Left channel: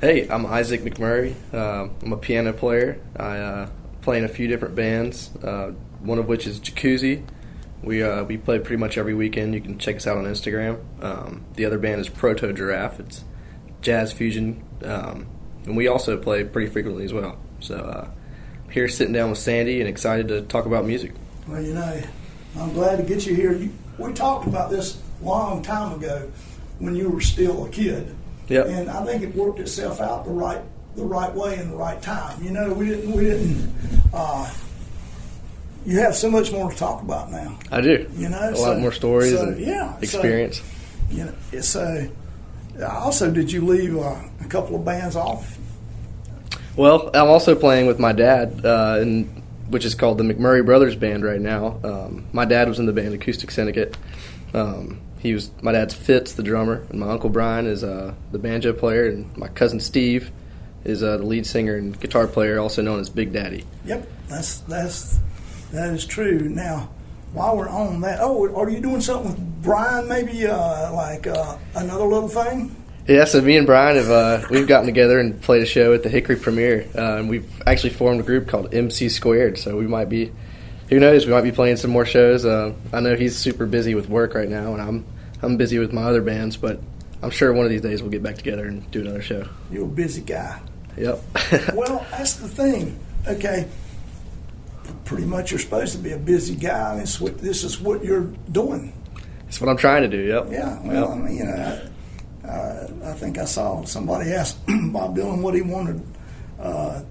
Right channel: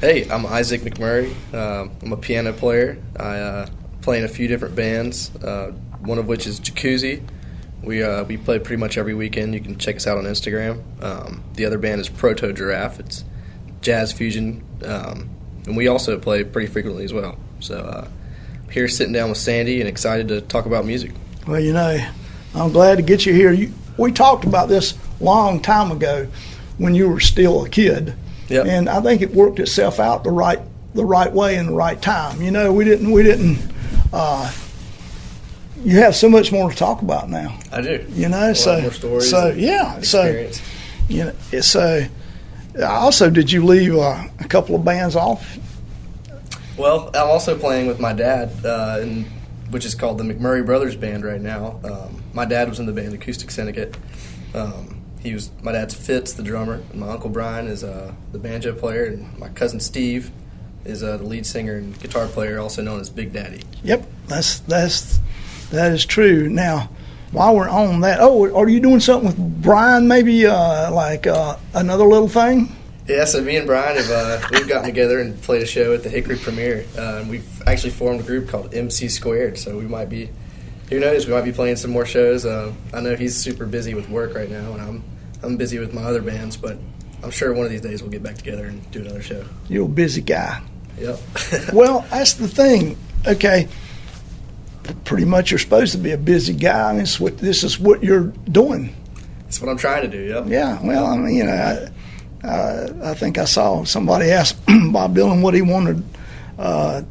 Hey, I'm Isaac Mcmurry. I'm a piano player. I play in a few different bands, one of which is Jacuzzi. We play pretty much every weekend. You can check us out on Instagram. The other band is Proto Giraffe. It's jazz fusion, and we also play pretty frequently as well. So here sitting down with Sandy and excited to talk about music. Well, I'm glad to get you here. We talked about this long time ago when you were still a kid. Yep. And I think it worked itself out the right way in the right time. We didn't. You have so much more to talk about now. I do. A lot more stories. Experience. So also, did you leave a couple of bands off? Well, I'm also playing with my dad, which is called the Mcmurry Brothers Band right now. My dad was in the band Acoustic Syndicate. My dad's Fitz, the drummer, and my uncle Brian is the banjo player, and my cousin Steve is the lead singer and guitar player, also known as Big Daddy. Yep, that is true. Now, while we're on that, are you doing something with Brian? Maybe another little thing? Yeah, so me and Brian we've gotten together and played a show at the Hickory premiere, and we've actually formed a group called MC Squared. So we might be. Who knows? We might be playing some more shows. I know he's super busy with work right now, and I'm busy with my other bands. But I'm sure one of these days we'll get back together and do another show. You're a busy guy. Yep. Well, that's the thing. Okay, pretty much you're supposed to be a busy guy, and this is what you're doing. That's what I'm trying to do. Yep. Yeah. Well, I mean, I think I saw somebody ask Bob Dylan what he wanted out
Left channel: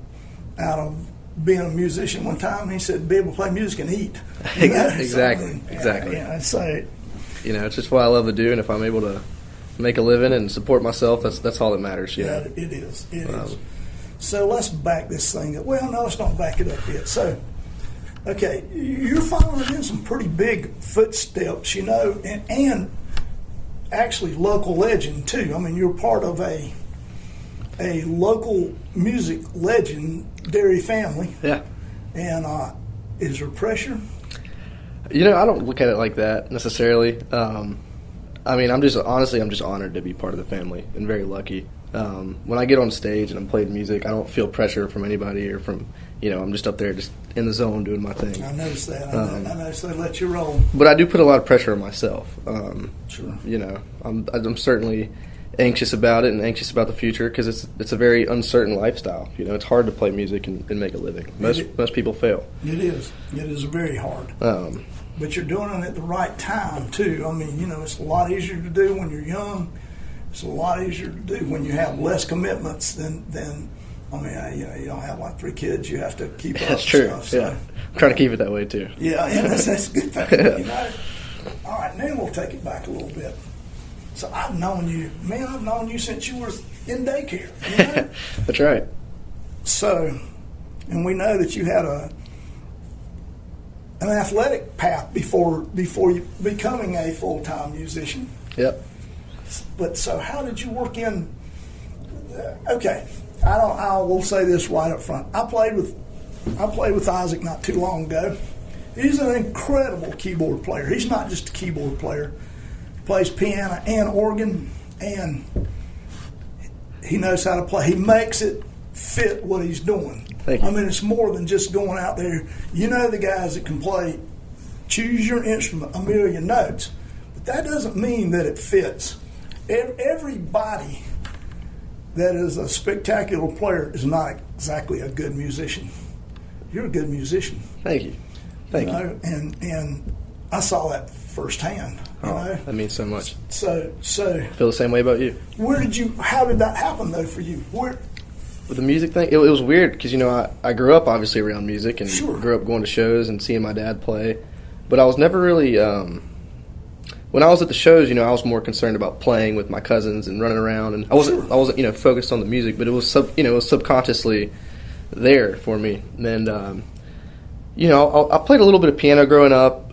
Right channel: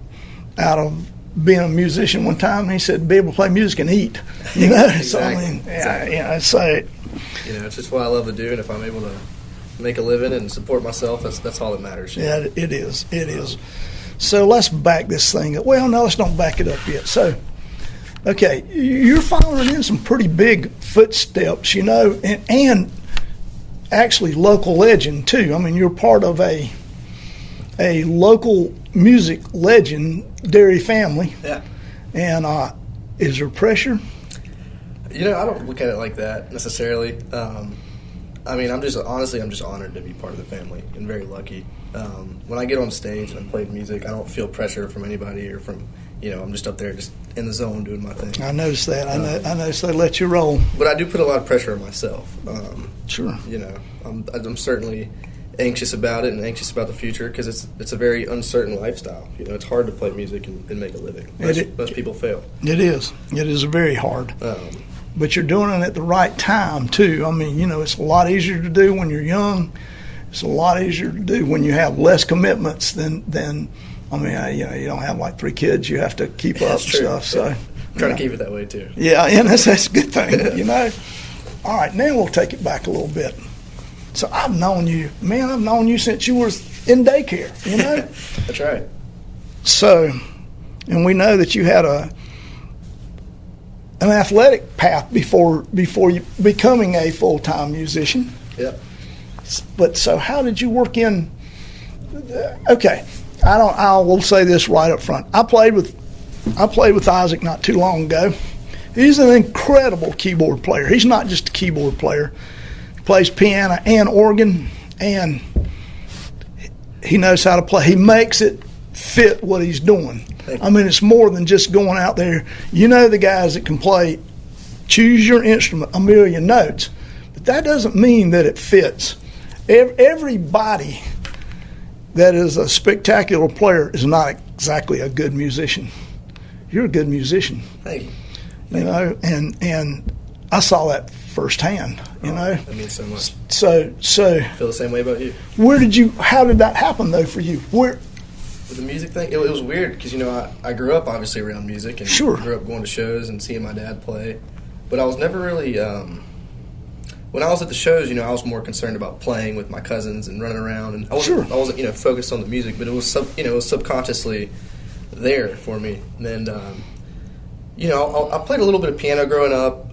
of being a musician one time, and he said, be able to play music and eat. Exactly. So, I mean, Exactly. So, it's just what I love to do, and if I'm able to make a living and support myself, that's all that matters. Yeah, it is. It is. So let's back this thing up. Well, no, let's don't back it up yet. So, okay, you're following in some pretty big footsteps, and actually local legend too. I mean, you're part of a local music legendary family. Yeah. And is there pressure? I don't look at it like that necessarily. I mean, I'm just honored to be part of the family and very lucky. When I get on stage and I'm playing music, I don't feel pressure from anybody or from, I'm just up there just in the zone doing my thing. I noticed that. I noticed they let you roll. But I do put a lot of pressure on myself. Sure. I'm certainly anxious about it and anxious about the future because it's a very uncertain lifestyle. It's hard to play music and make a living. Most people fail. It is. It is very hard. But you're doing it at the right time too. I mean, it's a lot easier to do when you're young. It's a lot easier to do when you have less commitments than I mean, you don't have like 3 kids. You have to keep up That's true. Stuff. So, I'm trying to keep it that way too. Yeah, and that's a good thing. All right, now we'll take it back a little bit. So I've known you since you were in daycare. That's right. So, and we know that you had an athletic path before you becoming a full-time musician. Yep. But so how did you work in? Okay, I will say this right up front. I played with Isaac not too long ago. He's an incredible keyboard player. He's not just a keyboard player. He plays piano and organ, and he knows how to play. He makes it fit what he's doing. I mean, it's more than just going out there. The guys that can play, choose your instrument, a million notes. But that doesn't mean that it fits. Everybody that is a spectacular player is not exactly a good musician. You're a good musician. Thank you. Thank you. And I saw that firsthand. That means so much. So I feel the same way about you. How did that happen though for you? With the music thing, it was weird because I grew up obviously around music and Sure. grew up going to shows and seeing my dad play, but I was never really. When I was at the shows, I was more concerned about playing with my cousins and running around, and I wasn't focused on the music, but it was subconsciously there for me. And I played a little bit of piano growing up,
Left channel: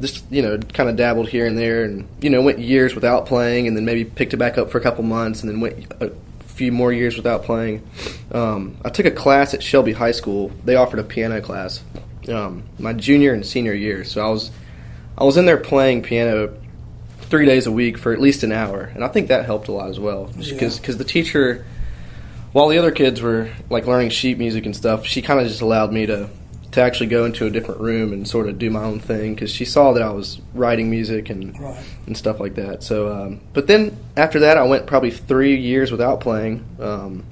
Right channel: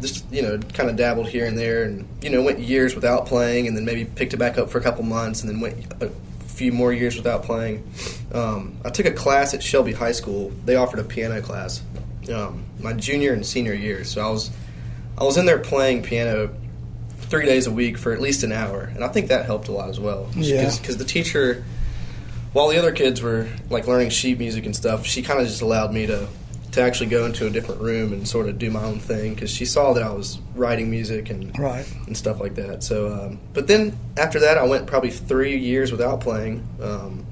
just kind of dabbled here and there, and went years without playing, and then maybe picked it back up for a couple months, and then went a few more years without playing. I took a class at Shelby High School. They offered a piano class my junior and senior years, so I was in there playing piano 3 days a week for at least an hour, and I think that helped a lot as well. Because the teacher while the other kids were like learning sheet music and stuff, she kind of just allowed me to actually go into a different room and sort of do my own thing because she saw that I was writing music and stuff like that. So, but then after that, I went probably 3 years without playing, and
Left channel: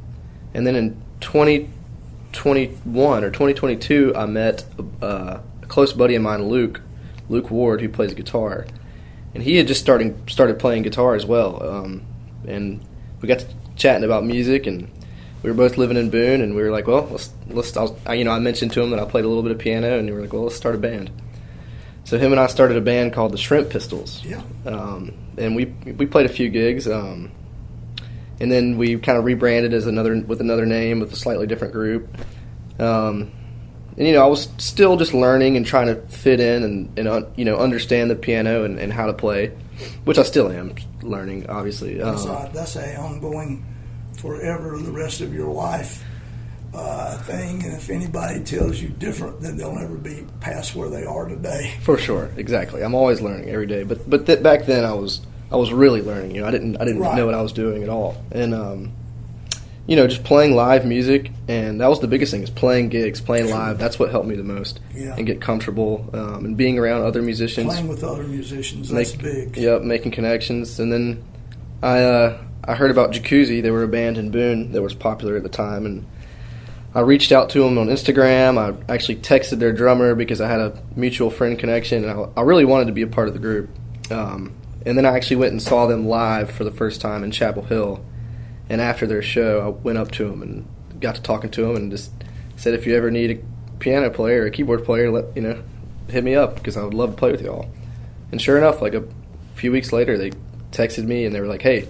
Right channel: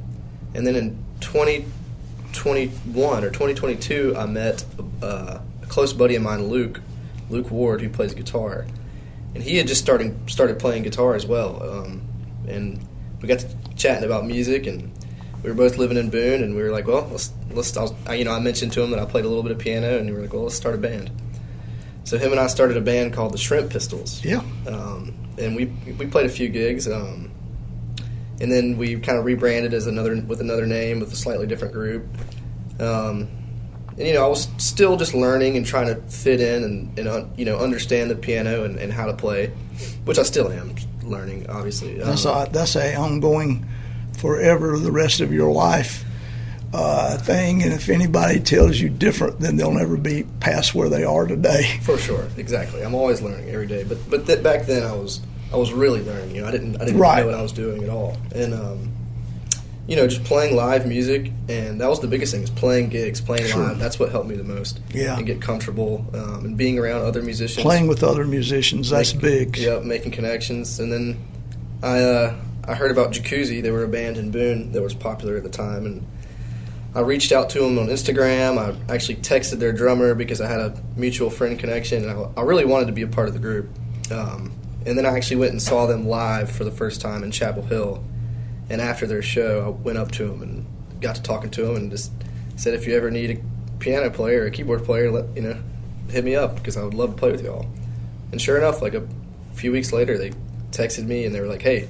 then in 2021 or 2022, I met a close buddy of mine, Luke Ward, who plays guitar, and he had just started playing guitar as well, and we got to chatting about music, and we were both living in Boone, and we were like, well, I mentioned to him that I played a little bit of piano, and we were like, well, let's start a band. So him and I started a band called the Shrimp Pistols. Yeah. And we played a few gigs, and then we kind of rebranded with another name with a slightly different group. And I was still just learning and trying to fit in and understand the piano and how to play, which I still am learning, obviously. That's a ongoing, forever, the rest of your life thing, and if anybody tells you different, then they'll never be past where they are today. For sure, exactly. I'm always learning every day, but back then I was really learning. I didn't know what I was doing at all, and just playing live music, and that was the biggest thing, is playing gigs, playing live. That's what helped me the most. Yeah. And get comfortable, and being around other musicians. Playing with other musicians, that's big. Yep, making connections. And then I heard about Jacuzzi. They were a band in Boone that was popular at the time, and I reached out to them on Instagram. I actually texted their drummer because I had a mutual friend connection, and I really wanted to be a part of the group. And then I actually went and saw them live for the first time in Chapel Hill. And after their show, I went up to them and got to talking to them and just said, if you ever need a piano player or a keyboard player, hit me up because I would love to play with y'all. And sure enough, like a few weeks later, they texted me and they were like, hey,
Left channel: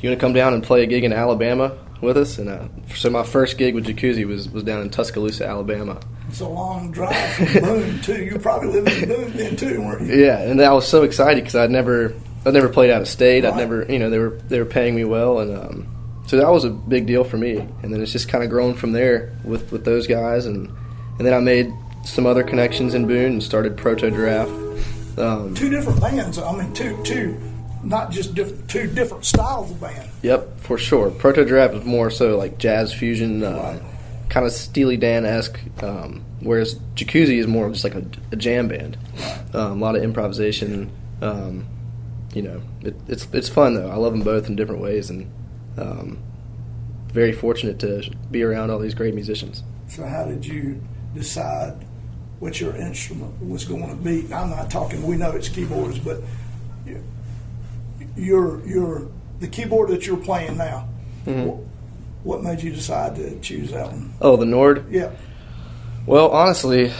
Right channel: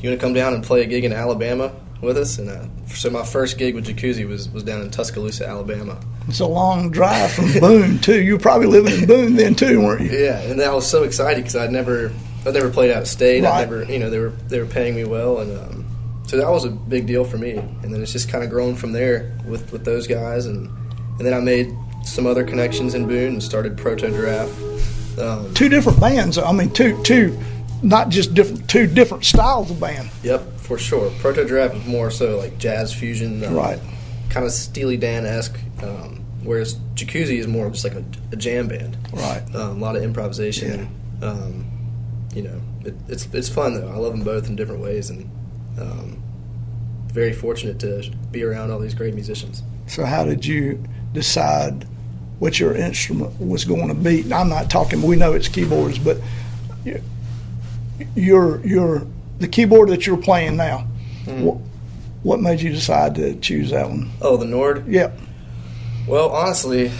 you want to come down and play a gig in Alabama with us? And so my first gig with Jacuzzi was down in Tuscaloosa, Alabama. It's a long drive from Boone, too. You were probably living in Boone then, too, weren't you? Yeah, and I was so excited because I'd never played out of state. Right. I'd never, they were paying me well, and so that was a big deal for me. And then it's just kind of grown from there with those guys, and then I made some other connections in Boone and started Proto Giraffe. Two different bands. I mean, two, not just different, two different styles of band. Yep, for sure. Proto Giraffe is more so like jazz fusion, kind of Steely Dan-esque, whereas Jacuzzi is more just like a jam band. Right. A lot of improvisation. Yeah. It's fun though. I love them both in different ways, and very fortunate to be around all these great musicians. So how did you decide what your instrument was going to be? I'm not talking, we know it's keyboards, but the keyboard that you're playing now, what made you decide to choose that one? Oh, the Nord? Yeah. Well, honestly,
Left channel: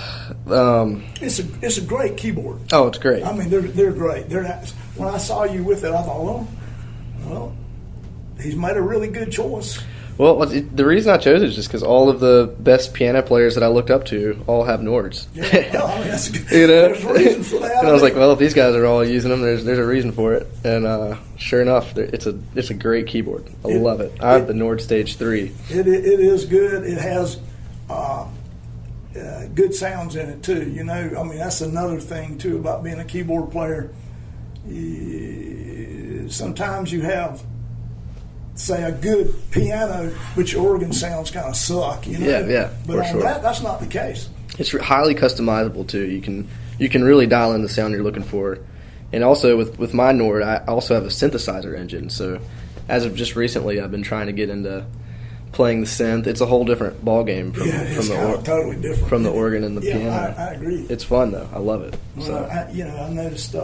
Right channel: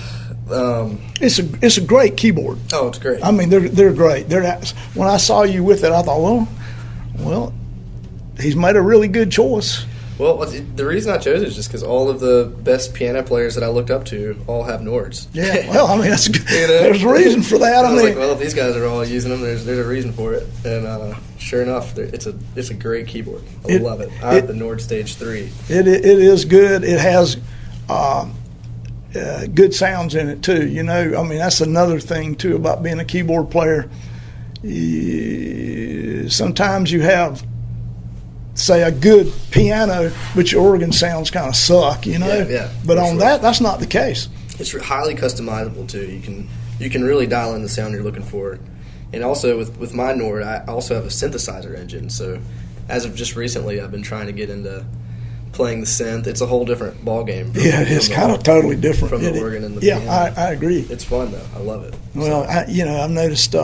it's a great keyboard. Oh, it's great. I mean, they're great. When I saw you with it, I thought, well, he's made a really good choice. Well, the reason I chose it is just because all of the best piano players that I looked up to all have Nords. Yeah, well, I mean, that's there's a reason for that. And I was like, well, if these guys are all using them, there's a reason for it. And sure enough, it's a great keyboard. I love it. I have the Nord Stage 3. It is good. It has good sounds in it too. I mean, that's another thing too about being a keyboard player. Sometimes you have, say, a good piano, but your organ sounds kind of suck, Yeah. But on that's not the case. It's highly customizable too. You can really dial in the sound you're looking for. And also with my Nord, I also have a synthesizer engine. So as of just recently, I've been trying to get into playing the synth. It's a whole different ball game. It's kind of totally different from the organ and the piano. Yeah, I agree. It's fun though. I love it. Well, I've noticed.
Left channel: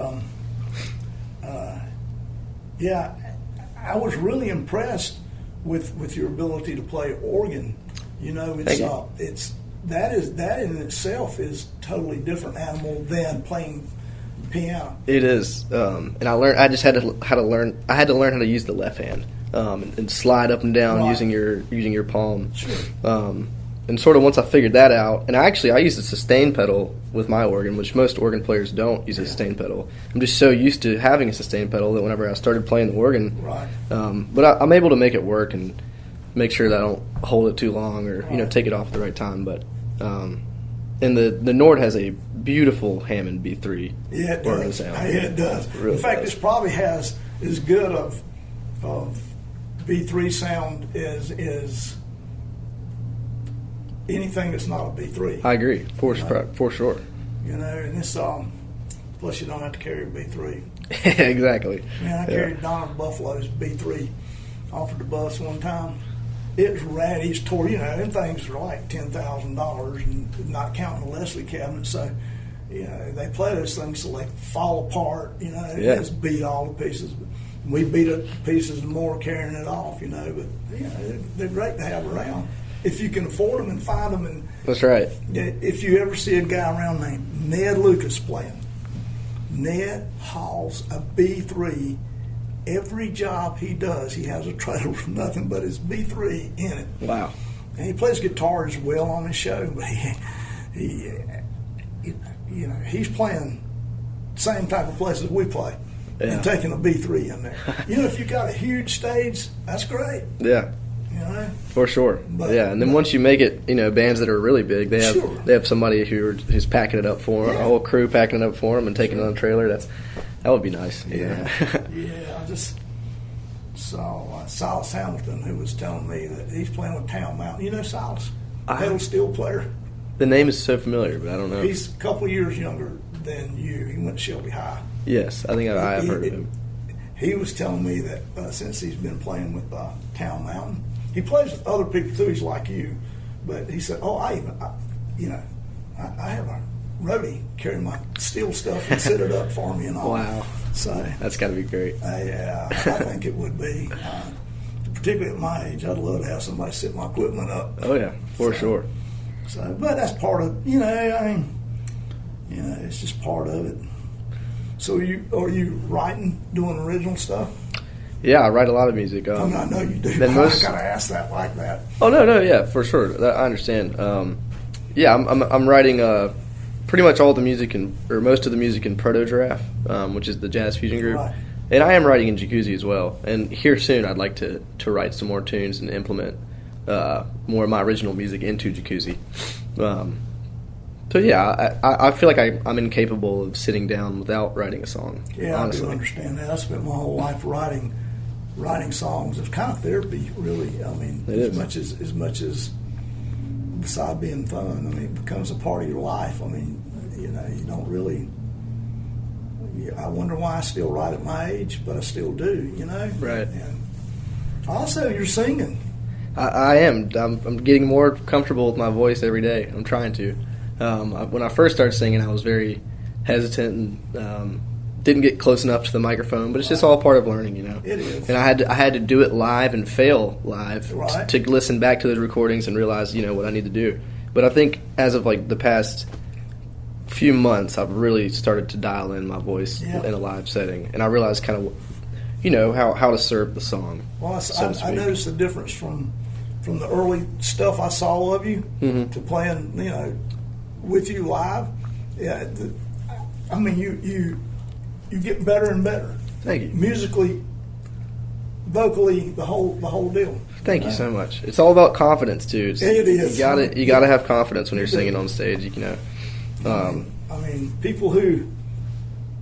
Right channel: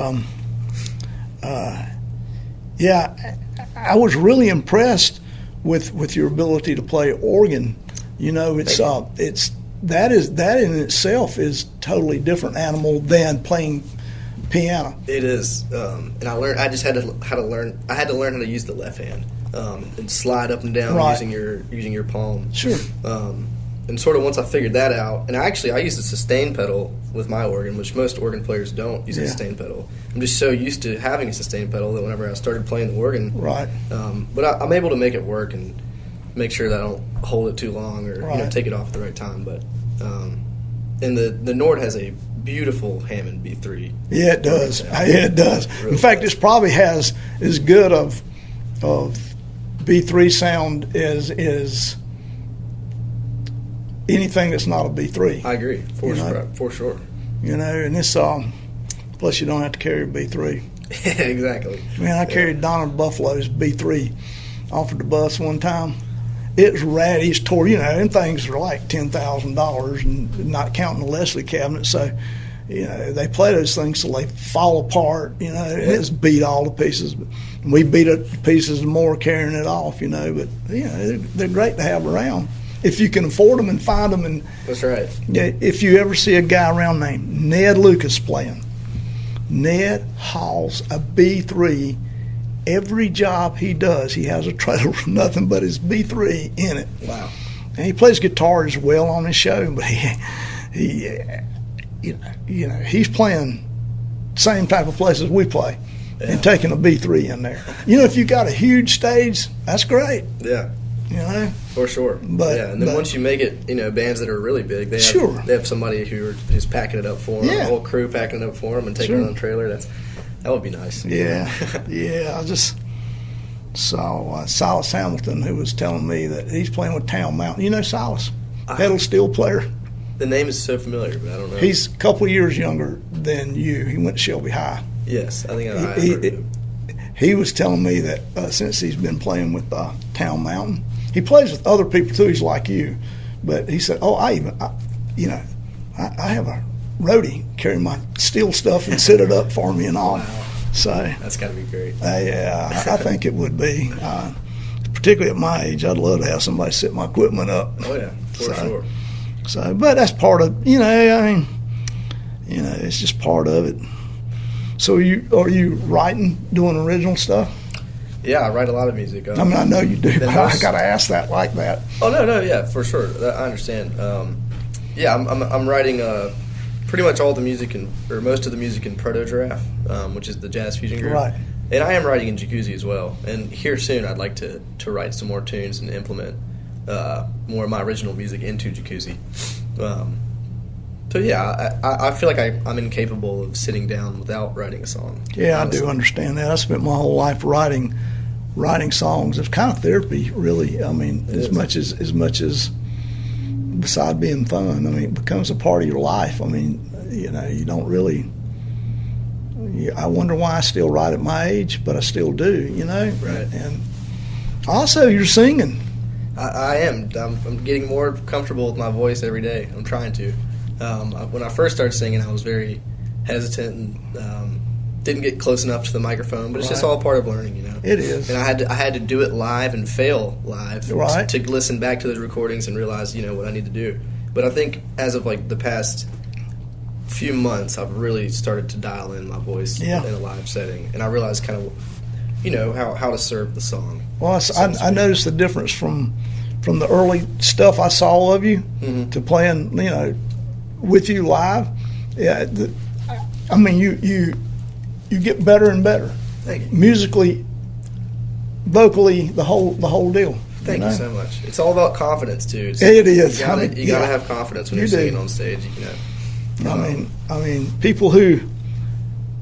I was really impressed with your ability to play organ. That in itself is totally different animal than playing piano. It is, and I learned. I just had to learn. I had to learn how to use the left hand and slide up and down using your palm. Sure. And sort of once I figured that out, and I used a sustain pedal with my organ, which most organ players don't use a sustain pedal. I'm just so used to having a sustain pedal that whenever I started playing the organ, but I'm able to make it work and make sure that I don't hold it too long or take it off at the right time. But and the Nord has a beautiful Hammond B3. Yeah, it does. Yeah, it does. Really, in fact, it probably has as good of B3 sound is anything that's not a B3. I agree, for sure. You know, and it's plus you don't have to carry a B3. Exactly. Man, I carried Donna Buffalo's B3 off of the bus one time. It's rad. He's tore, you know, and things are like $10,000, and not counting the Leslie cabinet. So, you know, they play those things till they fall apart. You know, and it's beat all to pieces. And we beat it to pieces more carrying it off. You know, but you know, they're great to have around if you can afford them and find them. And that's right. If you ever see a guy around named Ned Lucas playing, Ned hauls a B3. Every job he does, he has a trailer with nothing but his B3 in it. Wow. And he plays guitar as well on his show, but he you know, he's playing the same type of places we play and taking a B3 in there. You know, if you got a huge stage, that's great. Yeah. You know? For sure. But, and then once you make it, you know, bands that are really big, they have somebody who's packing it up for them, a whole crew packing it up for them and taking it on a trailer. That would be nice. Yeah. I just saw Silas Hamilton, who was telling me that he's playing with Town Mountain. You know Silas? Pedal steel player. The name is so familiar, but I don't know. He's a couple of years younger than you. He went to Shelby High. Yes, I think I heard of him. He was telling me that since he's been playing with Town Mountain, he plays with other people too. He's like you, but he said, "Oh, I have a roadie carry my steel stuff and set it up for me and all." Wow! So that's got to be great. Yeah, I think it would be. Particularly at my age, I'd love to have somebody set my equipment up. Oh yeah, for sure. So, but that's part of, you know, I mean, you know, it's just part of it. So are you writing, doing original stuff? Yeah, I write a lot of music. I mean, I know you do, but I got to ask that like that. Oh, no, yeah, for sure. I understand. Yeah, I'm writing pretty much all the music or most of the music in Proto Giraffe, which is the jazz fusion group. Right. And I am writing in Jacuzzi as well. And here soon I'd like to write some more tunes and implement more of my original music into Jacuzzi. So yeah, I feel like I'm incapable of sitting down without writing a song. Yeah, honestly. I do understand that. I spent my whole life writing songs. It's kind of therapy, really. I mean, as much as beside being fun, I mean, it becomes a part of your life. I mean, you know, you don't really. I wonder why I still write at my age, but I still do. You know, right? And also, you're singing. I am. I'm getting more comfortable with my voice every day. I'm trying to. When I first started singing, I was very hesitant and didn't get close enough to the microphone. But it's just all part of learning, you know. It is. And I had to do it live and fail live to listen back to those recordings and realize, you know, what I need to do. But I think as of like the past few months, I've really started to dial in my voice in a live setting, and I realized kind of, you know, how to serve the song. Well, I noticed the difference from the early stuff I saw of you to playing, you know, with you live. Yeah, I mean, you get better and better. Thank you. Musically, vocally, the whole deal. Thank you so much. It's all about confidence too. It is. You gotta have confidence when you're singing on stage. You know. I mean,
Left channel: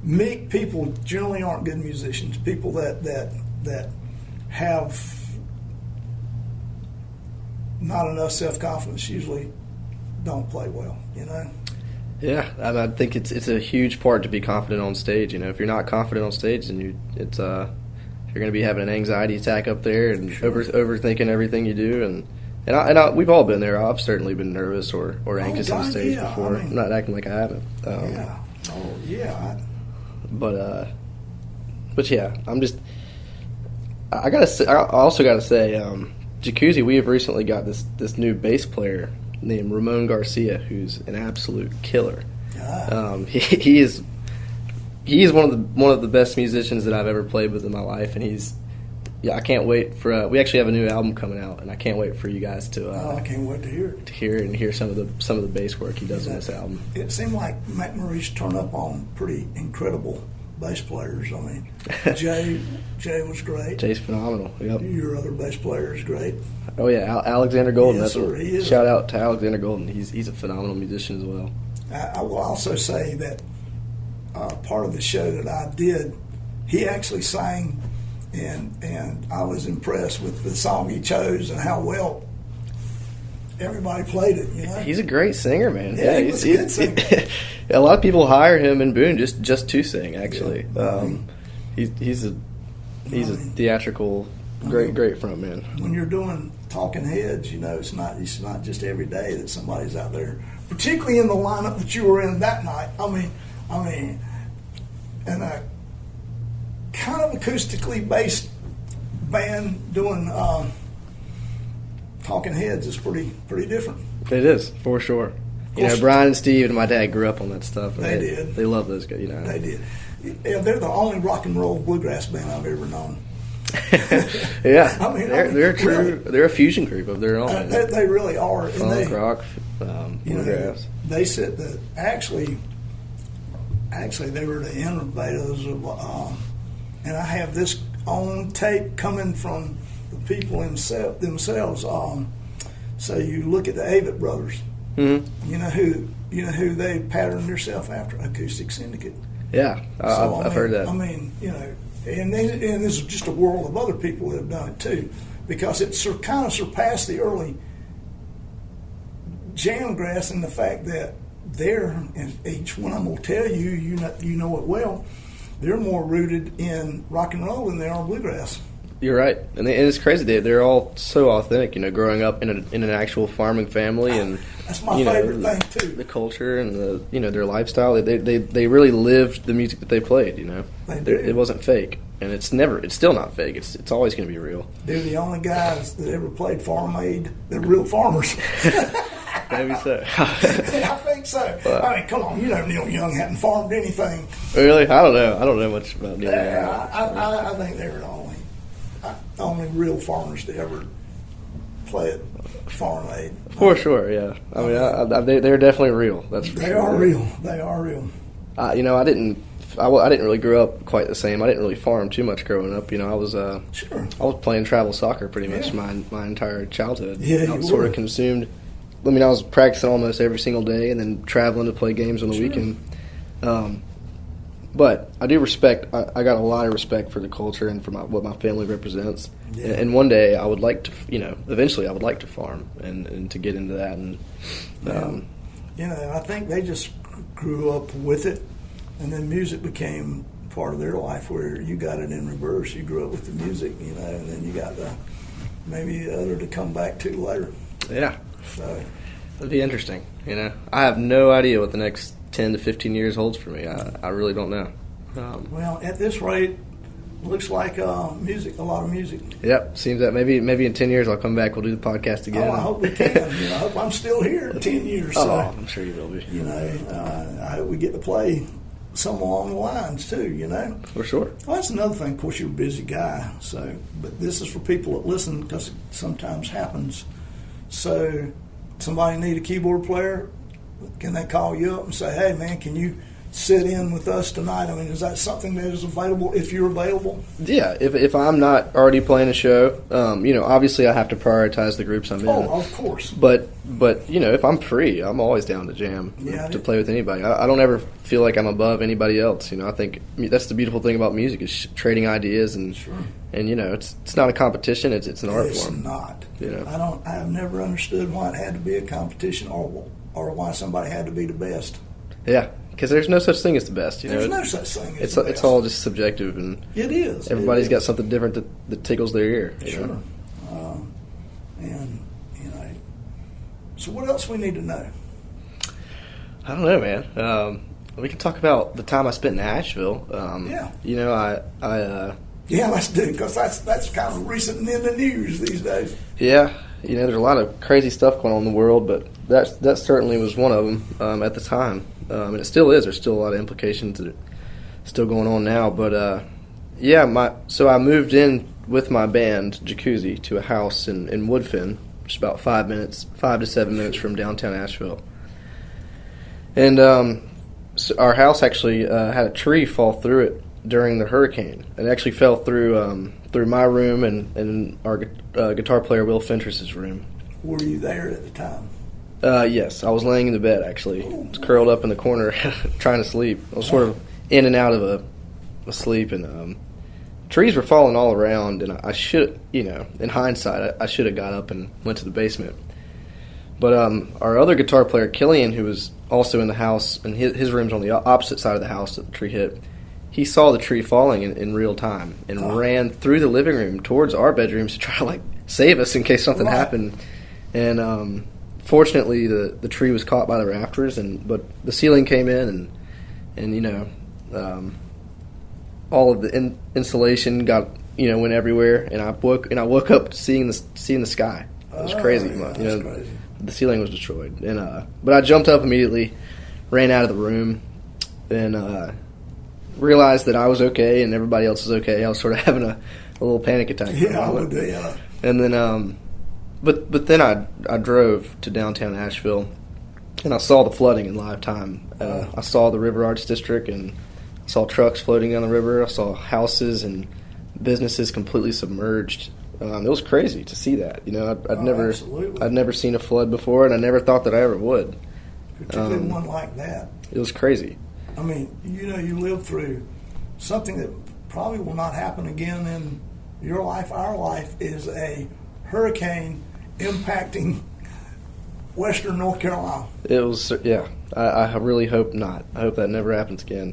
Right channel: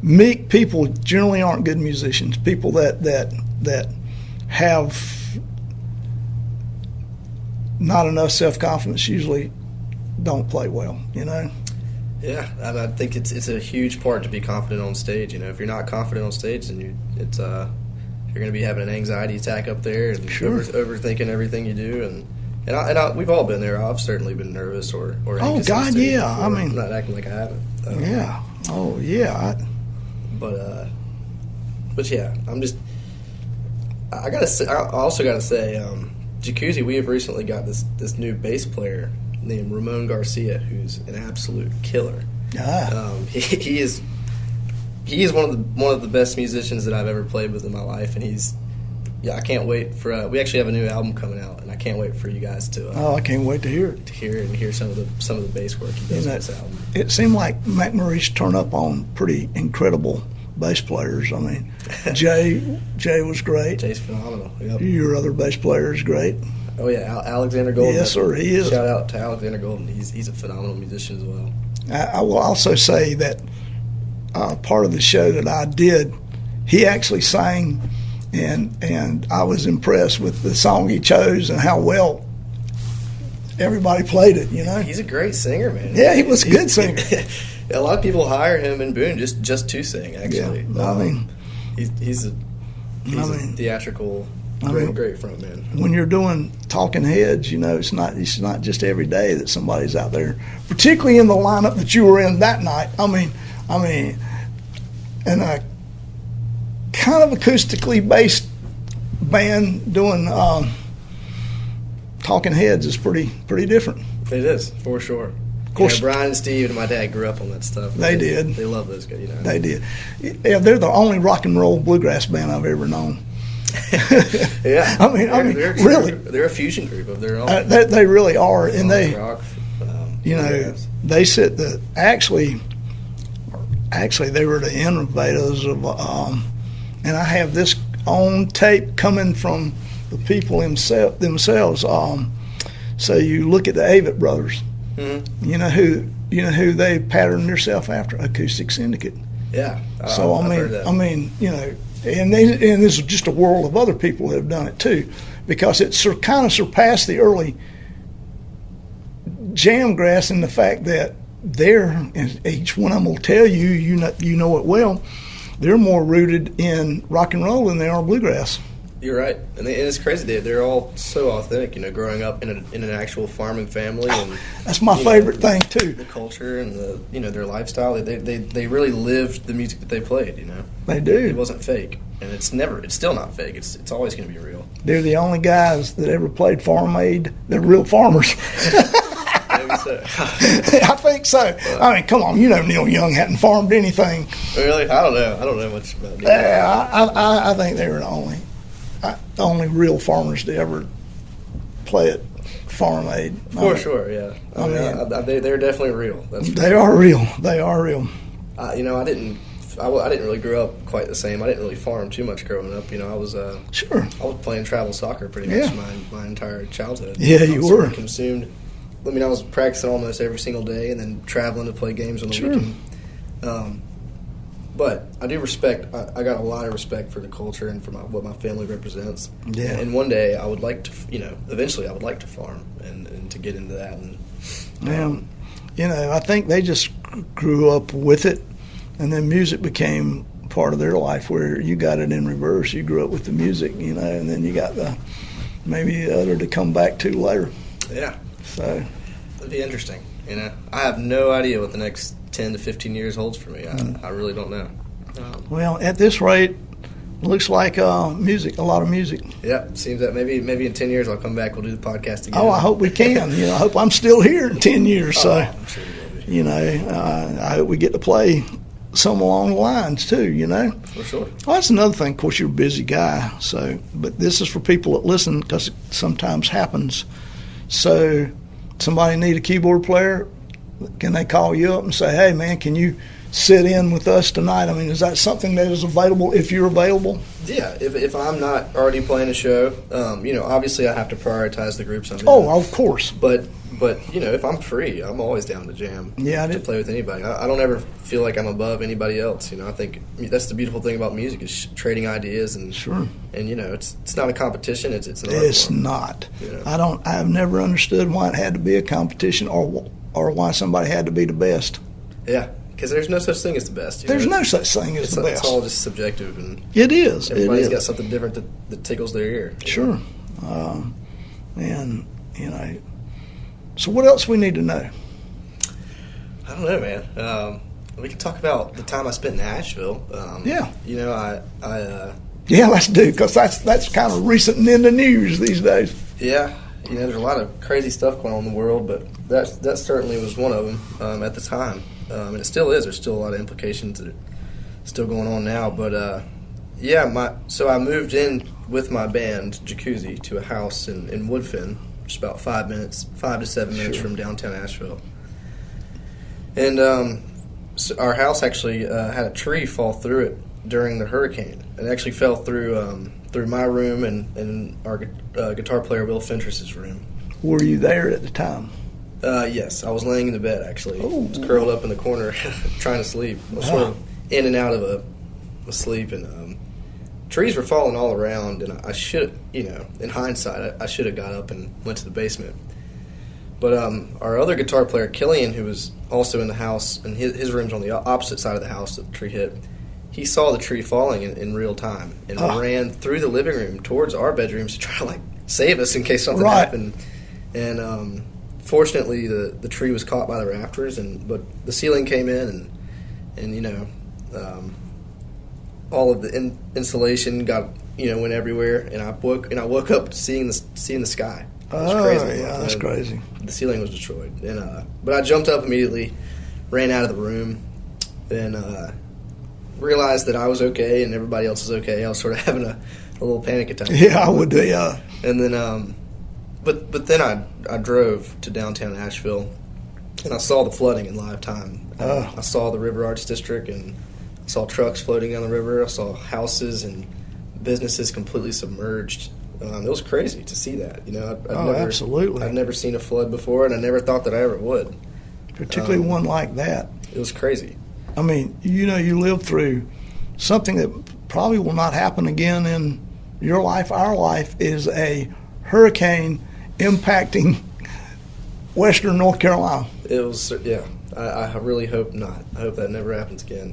meek people generally aren't good musicians. People that have not enough self-confidence usually don't play well, you know? Yeah, I think it's a huge part to be confident on stage. You know, if you're not confident on stage, then you're going to be having an anxiety attack up there and overthinking everything you do. And we've all been there. I've certainly been nervous or anxious on stage before. I mean, I'm not acting like I haven't. Yeah. Oh, yeah. But yeah, I also gotta say, Jacuzzi, we have recently got this new bass player named Ramon Garcia, who's an absolute killer. He is one of the best musicians that I've ever played with in my life, and I can't wait for. We actually have a new album coming out, and I can't wait for you guys to. I can't wait to hear it. To hear it and hear some of the bass work he does on this album. It seemed like Mcmurry's turned up on pretty incredible bass players. I mean, Jay was great. Jay's phenomenal. Yep. Your other bass player is great. Oh yeah, Alexander Golden. Yes, sir, he is. Shout out to Alexander Golden. He's a phenomenal musician as well. I will also say that part of the show that I did, he actually sang and I was impressed with the song he chose and how well everybody played it. He's a great singer, man. Yeah, he was a good singer. A lot of people hire him in Boone just to sing. Actually, he's a theatrical, great front man. When you're doing Talking Heads, it's not just every day that somebody's out there, particularly in the lineup that you were in that night. I mean, and a kind of acoustically based band doing Talking Heads is pretty different. It is, for sure. Brian and Steve and my dad grew up on that stuff. They did. They love those guys. They did. Yeah, they're the only rock and roll bluegrass band I've ever known. Yeah, they're really, they're a fusion group of their own. They really are, and rock. They said that actually they were the innovators of, and I have this on tape coming from the people themselves. So you look at the Avett brothers. Mm-hmm. You know who they patterned themselves after? Acoustic Syndicate. Yeah, I've heard that. And there's just a world of other people that have done it too, because it kind of surpassed the early Jamgrass in the fact that and each one of them will tell you, you know it well, they're more rooted in rock and roll than they are bluegrass. You're right, and it's crazy. They're all so authentic. Growing up in an actual farming family, and that's my favorite thing too. The culture and their lifestyle. They really lived the music that they played. They do. It wasn't fake, and it's still not fake. It's always going to be real. They're the only guys that ever played Farm Aid. They're real farmers. Maybe so. I think so. But, come on, Neil Young hadn't farmed anything. Really? I don't know much about Neil. I think they were the only real farmers to ever play at Farm Aid. For sure, yeah. They're definitely real. They are real. They are real. I didn't really grow up quite the same. I didn't really farm too much growing up. I was I was playing travel soccer pretty much my entire childhood. Yeah, you I was were. sort of consumed. I was practicing almost every single day, and then traveling to play games on the weekend. But I do respect. I got a lot of respect for the culture and for what my family represents. Yeah. And one day I would like to, eventually I would like to farm and to get into that. And I think they just grew up with it, and then music became part of their life. Where you got it in reverse. You grew up with the music, and then you got maybe the other to come back to later. Yeah. So it'd be interesting. I have no idea what the next 10 to 15 years holds for me. I really don't know. Well, at this rate, looks like music, a lot of music. Yep, seems that maybe in 10 years I'll come back. We'll do the podcast again. Oh, I hope we can. I hope I'm still here in 10 years. So I'm sure you will be. I hope we get to play some along the lines too. For sure. Well, that's another thing. Of course, you're a busy guy. But this is for people that listen, because it sometimes happens. So, somebody need a keyboard player? Can they call you up and say, "Hey, man, can you sit in with us tonight?" Is that something that is available if you're available? Yeah, if I'm not already playing a show, obviously I have to prioritize the groups I'm in. Oh, of course. But if I'm free, I'm always down to jam. Yeah, to play with anybody. I don't ever feel like I'm above anybody else. I think that's the beautiful thing about music is trading ideas and sure. And it's not a competition. It's an art form. It's not. I have never understood why it had to be a competition or why somebody had to be the best. Yeah, because there's no such thing as the best. There's no such thing as the best. It's all just subjective, and it is. Everybody's got something different that tickles their ear. Sure, So what else we need to know? I don't know, man. We can talk about the time I spent in Nashville. Yeah. Yeah, let's do, because that's kind of recent and in the news these days. Yeah. There's a lot of crazy stuff going on in the world, but that certainly was one of them at the time. And it still is. There's still a lot of implications that are still going on now. But, so I moved in with my band, Jacuzzi, to a house in Woodfin, just about 5 to 7 minutes from downtown Asheville. And so our house actually had a tree fall through it during the hurricane. It actually fell through my room and our guitar player Will Fentress's room. Were you there at the time? Yes, I was laying in the bed actually. I was curled up in the corner trying to sleep. I was sort of in and out of a sleep, and trees were falling all around, and I should, in hindsight, I should have got up and went to the basement. But our other guitar player, Killian, who was also in the house, and his room's on the opposite side of the house that the tree hit, he saw the tree falling in real time and ran through the living room towards our bedrooms to try to save us in case something happened. And fortunately, the tree was caught by the rafters, but the ceiling came in, and all of the insulation went everywhere, and I woke up seeing the sky. It was crazy. Yeah, that's crazy. The ceiling was destroyed, and but I jumped up immediately, ran out of the room, and realized that I was okay and everybody else was okay. I was sort of having a little panic attack. Yeah, I would do. Yeah. And then, but then I drove to downtown Asheville, and I saw the flooding in live time. I saw the River Arts District, and I saw trucks floating down the river. I saw houses and businesses completely submerged. It was crazy to see that. I'd never seen a flood before, and I never thought that I ever would. Particularly one like that. It was crazy. I mean, you lived through something that probably will not happen again in your life. Our life is a hurricane impacting western North Carolina. It was, yeah. I really hope not. I hope that never happens again.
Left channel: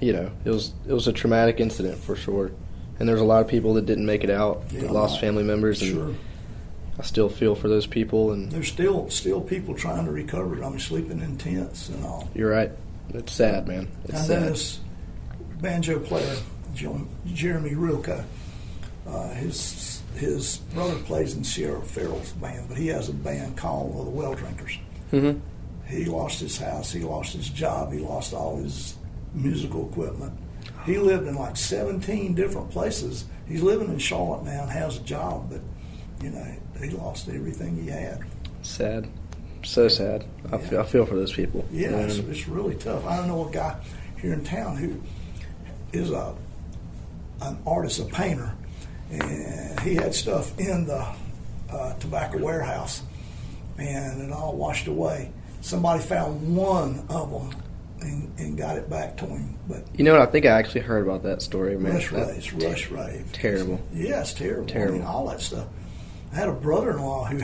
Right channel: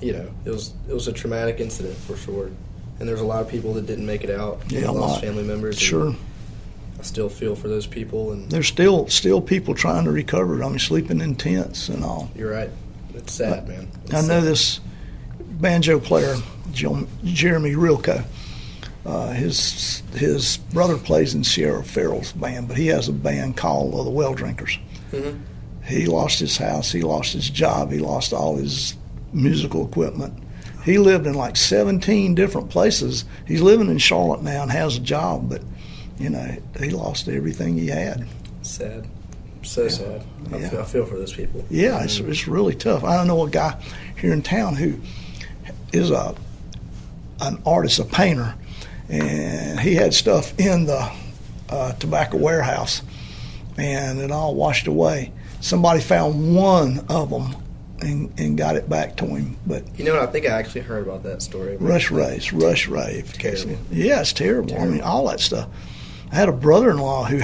It was a traumatic incident for sure. And there's a lot of people that didn't make it out. Yeah, lost family members. Sure. I still feel for those people. And there's still people trying to recover. I mean, sleeping in tents and all. You're right. It's sad, man. I know this banjo player, Jeremy Rilko. His brother plays in Sierra Farrell's band, but he has a band called the Well Drinkers. Mm-hmm. He lost his house. He lost his job. He lost all his musical equipment. He lived in 17 different places. He's living in Charlotte now and has a job, but, he lost everything he had. Sad. So sad. I feel for those people. Yeah, it's really tough. I know a guy here in town who is an artist, a painter, and he had stuff in the tobacco warehouse, and it all washed away. Somebody found one of them and got it back to him. But I think I actually heard about that story. Rush rave. Terrible. Yeah, it's terrible. I mean, all that stuff. I had a brother-in-law who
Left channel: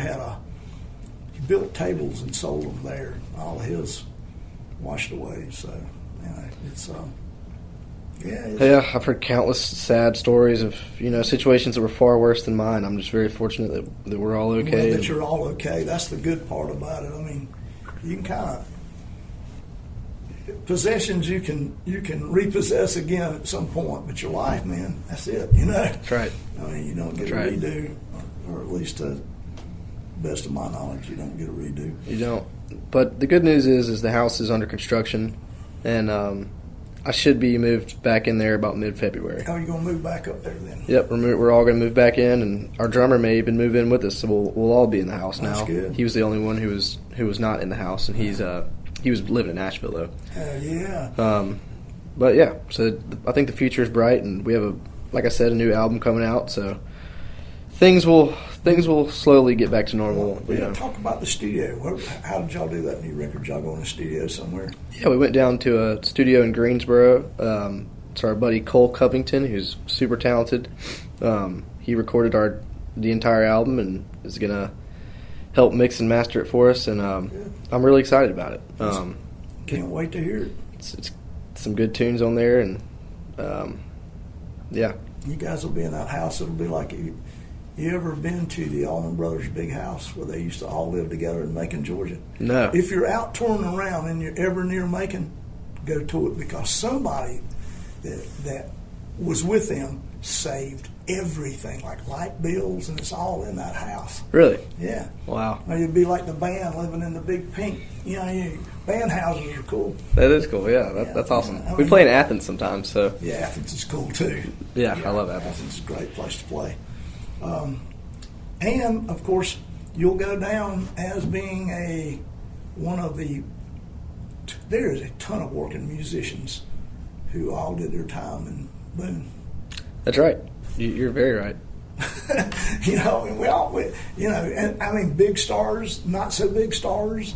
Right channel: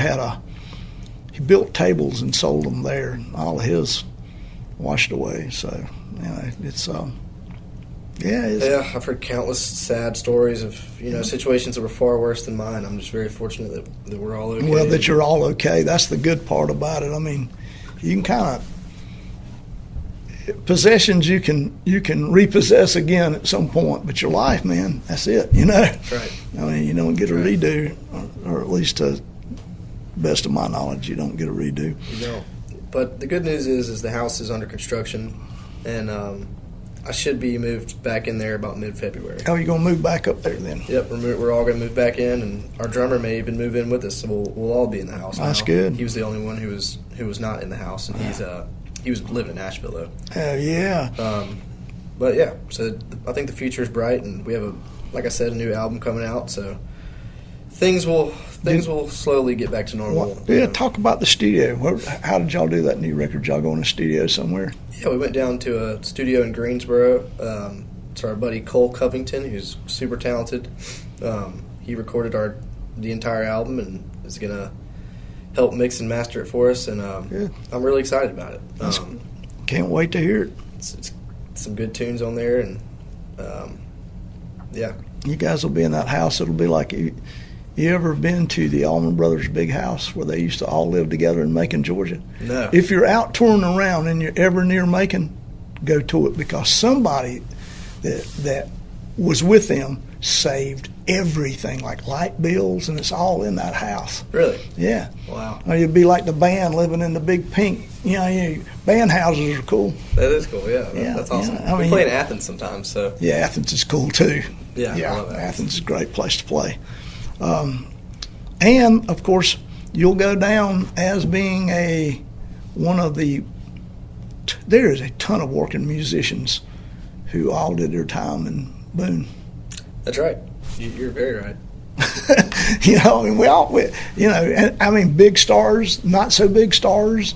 he built tables and sold them there. All of his washed away. So, it's I've heard countless sad stories of situations that were far worse than mine. I'm just very fortunate that we're all okay. Well, that you're all okay. That's the good part about it. I mean, you can kind of possessions you can repossess again at some point, but your life, man, that's it. That's right. I mean, you don't get a redo, or at least to best of my knowledge, you don't get a redo. You don't. But the good news is the house is under construction, and I should be moved back in there about mid-February. Oh, you're going to move back up there then? Yep, we're all going to move back in, and our drummer may even move in with us, so we'll all be in the house now. That's good. He was the only one who was not in the house, and he was living in Nashville though. Oh yeah. But yeah, so I think the future is bright, and we have like I said, a new album coming out, so things will slowly get back to normal. Talk about the studio. How did y'all do that new record? Did y'all go in a studio somewhere? Yeah, we went down to a studio in Greensboro. It's our buddy Cole Covington, who's super talented. He recorded the entire album and is gonna help mix and master it for us, and I'm really excited about it. Can't wait to hear it. It's some good tunes on there, and you guys will be in that house. It'll be like you ever been to the Allman Brothers' big house where they used to all live together in Macon, Georgia? No. If you're out touring around and you're ever near Macon, go to it, because somebody that was with them saved everything, like light bills, and it's all in that house. Really? Yeah. Wow. Or you'd be like the band living in the big pink. Band houses are cool. That is cool. Yeah, that's awesome. We play in Athens sometimes, so. Yeah, Athens is cool too. Yeah, I love Athens. Athens is a great place to play. And of course, you'll go down as being one of the. There is a ton of working musicians who all did their time in Boone. That's right. You're very right. Big stars, not so big stars.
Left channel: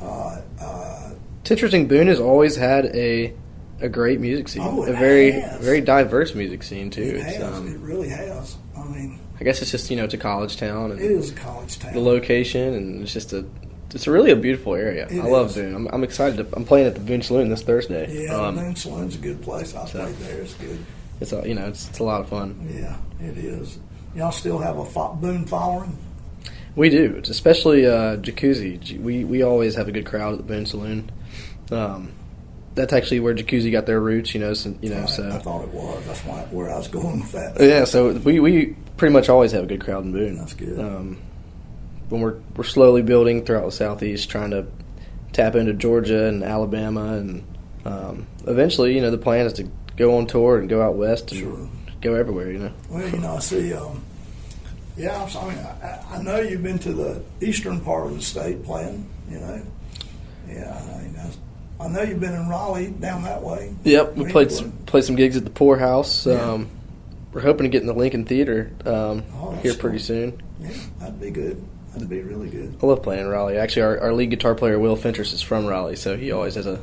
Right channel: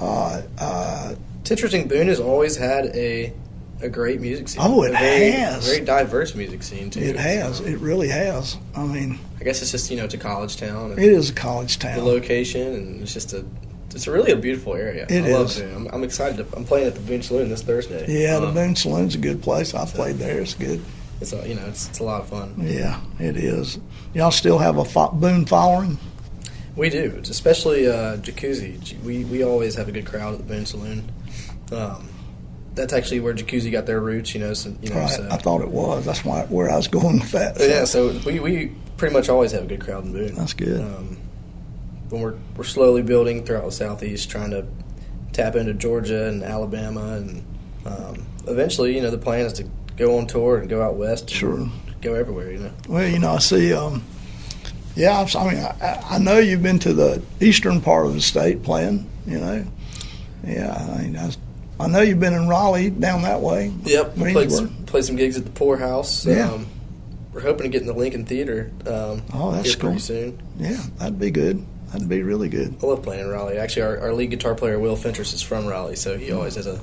It's interesting. Boone has always had a a great music scene. Oh, it has. Very diverse music scene, too. It has. It really has. I mean, I guess it's just, it's a college town. And it is a college town. The location, and it's just really a beautiful area. I love Boone. I'm excited. I'm playing at the Boone Saloon this Thursday. Yeah, the Boone Saloon's a good place. I've played there. It's good. It's it's a lot of fun. Yeah, it is. Y'all still have a Boone following? We do. It's especially Jacuzzi. We always have a good crowd at the Boone Saloon. That's actually where Jacuzzi got their roots. So I thought it was. That's where I was going with that. Yeah, so we pretty much always have a good crowd in Boone. That's good. When we're slowly building throughout the Southeast, trying to tap into Georgia and Alabama, and eventually, the plan is to go on tour and go out west and go everywhere. Well, I see. Yeah, I know you've been to the eastern part of the state playing. Yeah, I know you've been in Raleigh down that way. Yep, we played some gigs at the Poorhouse. Yeah. We're hoping to get in the Lincoln Theater here pretty soon. Yeah, that'd be good. That'd be really good. I love playing in Raleigh. Actually, our lead guitar player, Will Fentress, is from Raleigh, so he always has a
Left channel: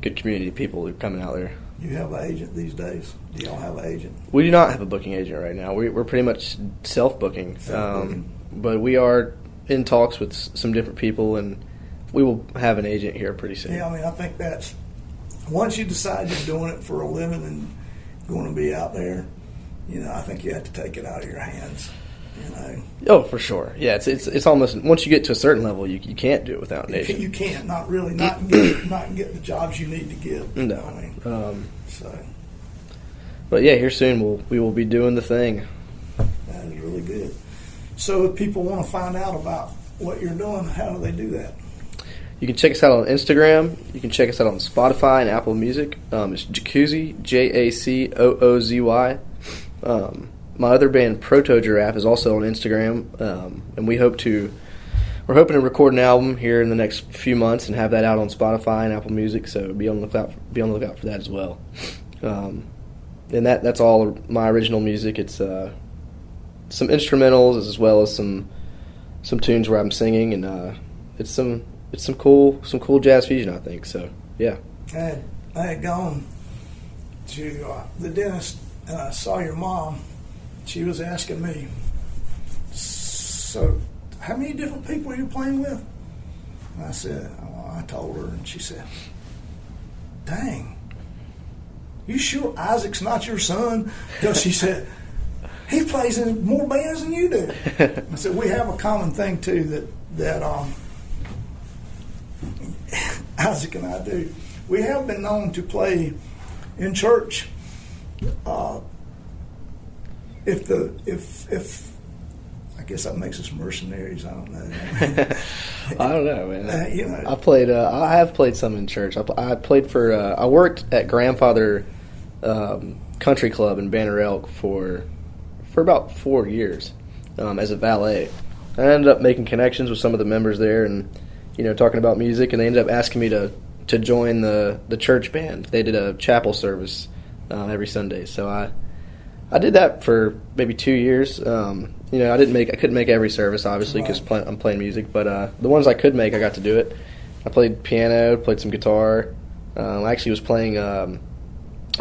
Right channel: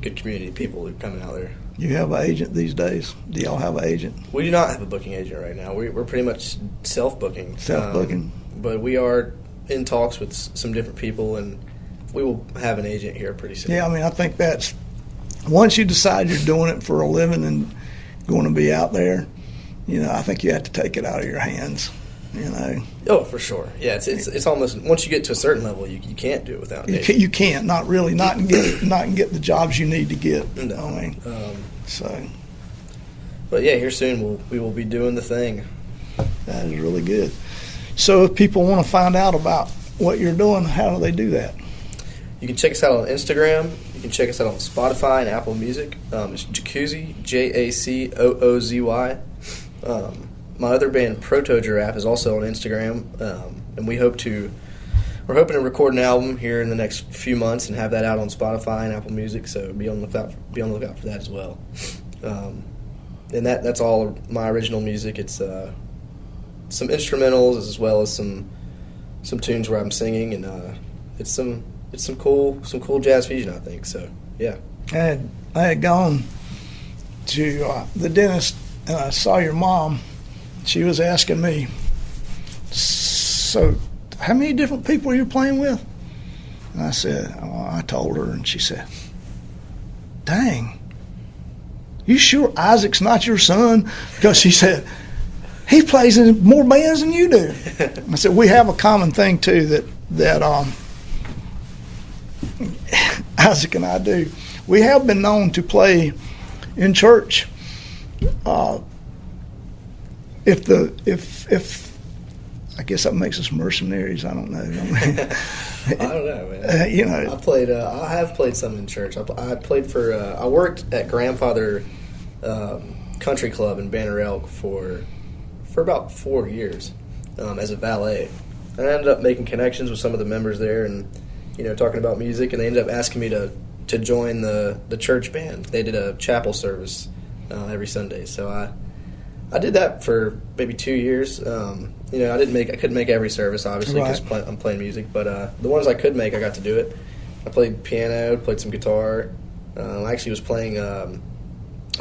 good community of people who are coming out there. You have an agent these days? Do y'all have an agent? We do not have a booking agent right now. We're pretty much self-booking. But we are in talks with some different people, and we will have an agent here pretty soon. Yeah, I think that's once you decide you're doing it for a living and going to be out there, I think you have to take it out of your hands. Oh, for sure. Yeah, it's almost once you get to a certain level, you can't do it without an agent. You can't, not really, not get the jobs you need to get. No. So. But yeah, here soon we will be doing the thing. That is really good. So if people want to find out about what you're doing, how do they do that? You can check us out on Instagram. You can check us out on Spotify and Apple Music. It's Jacuzzi, Jacoozy. My other band, Proto Giraffe, is also on Instagram, and we're hoping to record an album here in the next few months and have that out on Spotify and Apple Music. So be on the lookout for that as well. And that's all of my original music. It's some instrumentals as well as some tunes where I'm singing, and it's some cool jazz fusion, I think. So yeah. I had gone to the dentist, and I saw your mom. She was asking me, so how many different people are you playing with? And I told her, and she said, dang, you sure Isaac's not your son? Because she said, he plays in more bands than you do. I said, we have a common thing, too, that Isaac and I do. We have been known to play in church. If I guess that makes us mercenaries. I don't know. I don't know, man. I have played some in church. I played for. I worked at Grandfather Country Club in Banner Elk for about 4 years as a valet. I ended up making connections with some of the members there, and talking about music. And they ended up asking me to join the church band. They did a chapel service every Sunday, so I did that for maybe 2 years. I couldn't make every service, obviously, because I'm playing music. But the ones I could make, I got to do it. I played piano, played some guitar. I actually was playing, I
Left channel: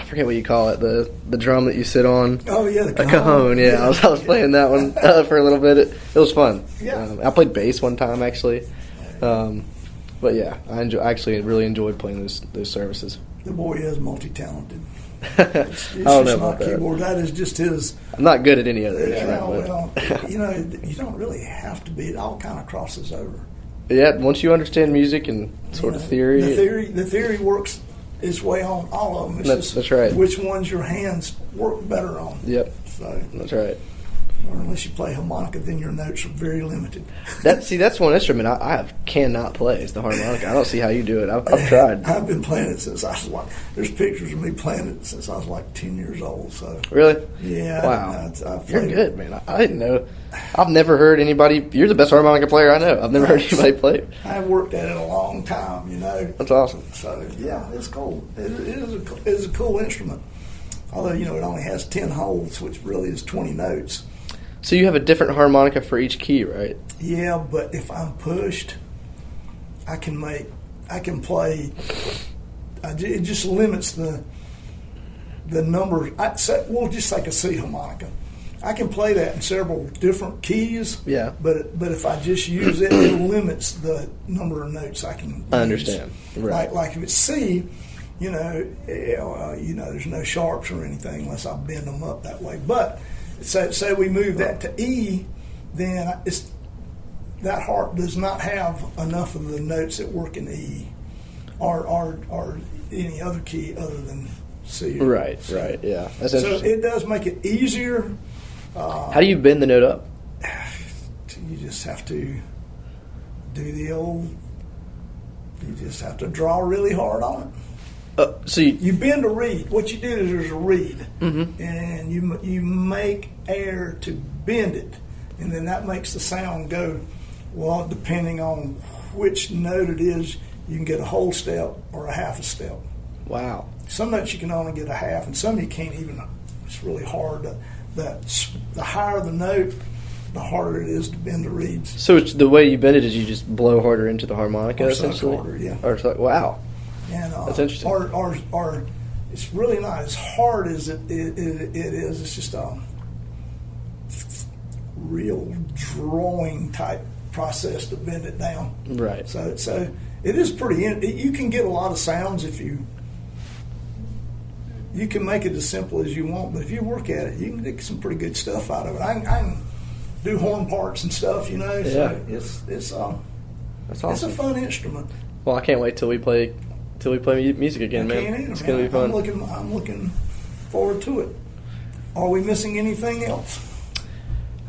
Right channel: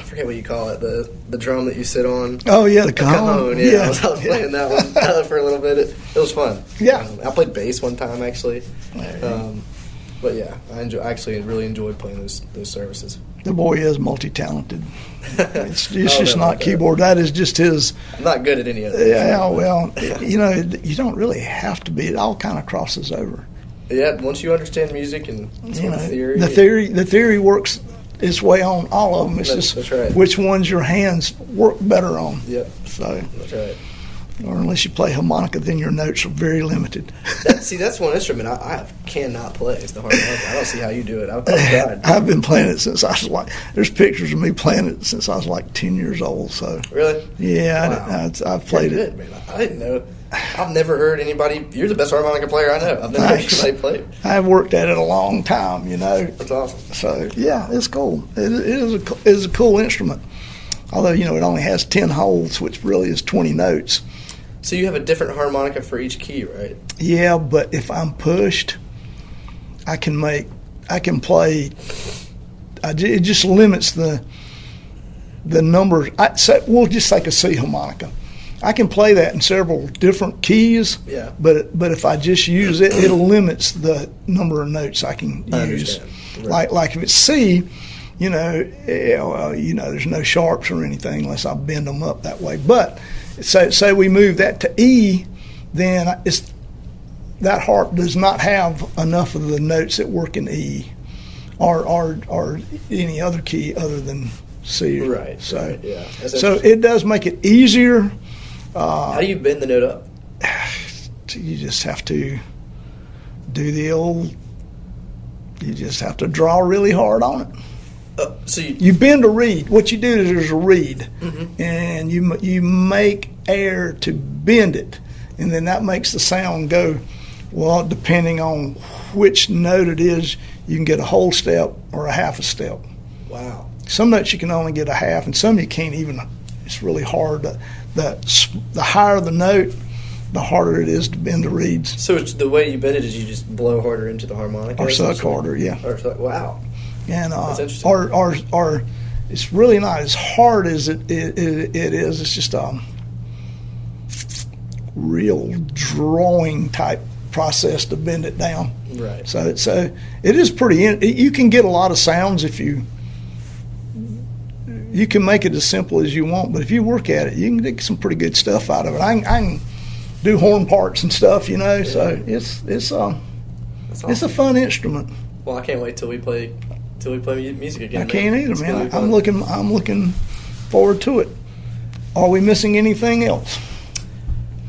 forget what you call it, the drum that you sit on. Oh, yeah, the cajon. Yeah, I was playing that one for a little bit. It was fun. Yeah. I played bass one time, actually. But yeah, I actually really enjoyed playing those services. The boy is multi-talented. It's just not keyboard. That is just his. I'm not good at any of it. Yeah, well, you don't really have to be. It all kind of crosses over. Yeah, once you understand music and sort of theory. The theory works its way on all of them. It's that's right. Which ones your hands work better on. Yep. So that's right. Or unless you play harmonica, then your notes are very limited. That's one instrument I cannot play. It's the harmonica. I don't see how you do it. I've tried. I've been playing it since I was there's pictures of me playing it since I was 10 years old. So really? Yeah. Wow. I've played You're good, man. I didn't know. I've never heard anybody. You're the best harmonica player I know. I've never heard anybody play it. I've worked at it a long time, That's awesome. So yeah, it's cool. It is a cool instrument. Although it only has 10 holes, which really is 20 notes. So you have a different harmonica for each key, right? Yeah, but if I'm pushed, I can play it just limits the number. We'll just take a C harmonica. I can play that in several different keys. Yeah. But if I just use it, it limits the number of notes I can use. I understand. Right. Like if it's C, there's no sharps or anything unless I bend them up that way. But say we move that to E, then that harp does not have enough of the notes that work in E, or any other key other than C. Right. Right. Yeah. So it does make it easier. How do you bend the note up? You just have to do the old. You just have to draw really hard on it. So you bend a reed. What you do is there's a reed, mm-hmm. and you make air to bend it, and then that makes the sound go. Well, depending on which note it is, you can get a whole step or a half a step. Wow. Some notes you can only get a half, and some you can't even. It's really hard. The higher the note, the harder it is to bend the reeds. So the way you bend it is you just blow harder into the harmonica? Or suck harder, yeah. Wow. And, that's interesting. Or it's really not as hard as it is. It's just a real drawing type process to bend it down. Right. So it is pretty. You can get a lot of sounds if you can make it as simple as you want, but if you work at it, you can get some pretty good stuff out of it. I can do horn parts and stuff, Yeah. So it's awesome. It's a fun instrument. Well, I can't wait till we play music again. I can't either, man. I'm looking forward to it. Are we missing anything else?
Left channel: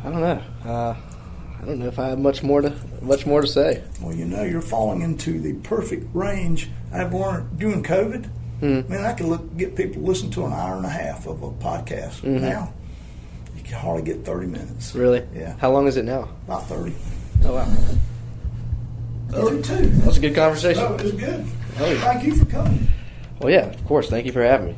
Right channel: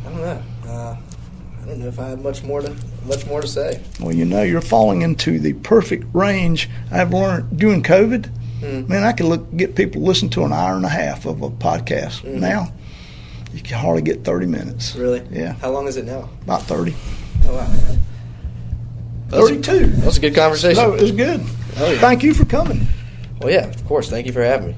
I don't know. I don't know if I have much more to say. Well, you're falling into the perfect range. I've learned during COVID. Man, I could get people to listen to an hour and a half of a podcast. Mm-hmm. Now, you can hardly get 30 minutes. Really? Yeah. How long is it now? About 30. Oh, wow. 32. That was a good conversation. No, it was good. Oh, yeah. Thank you for coming. Well, yeah, of course. Thank you for having me.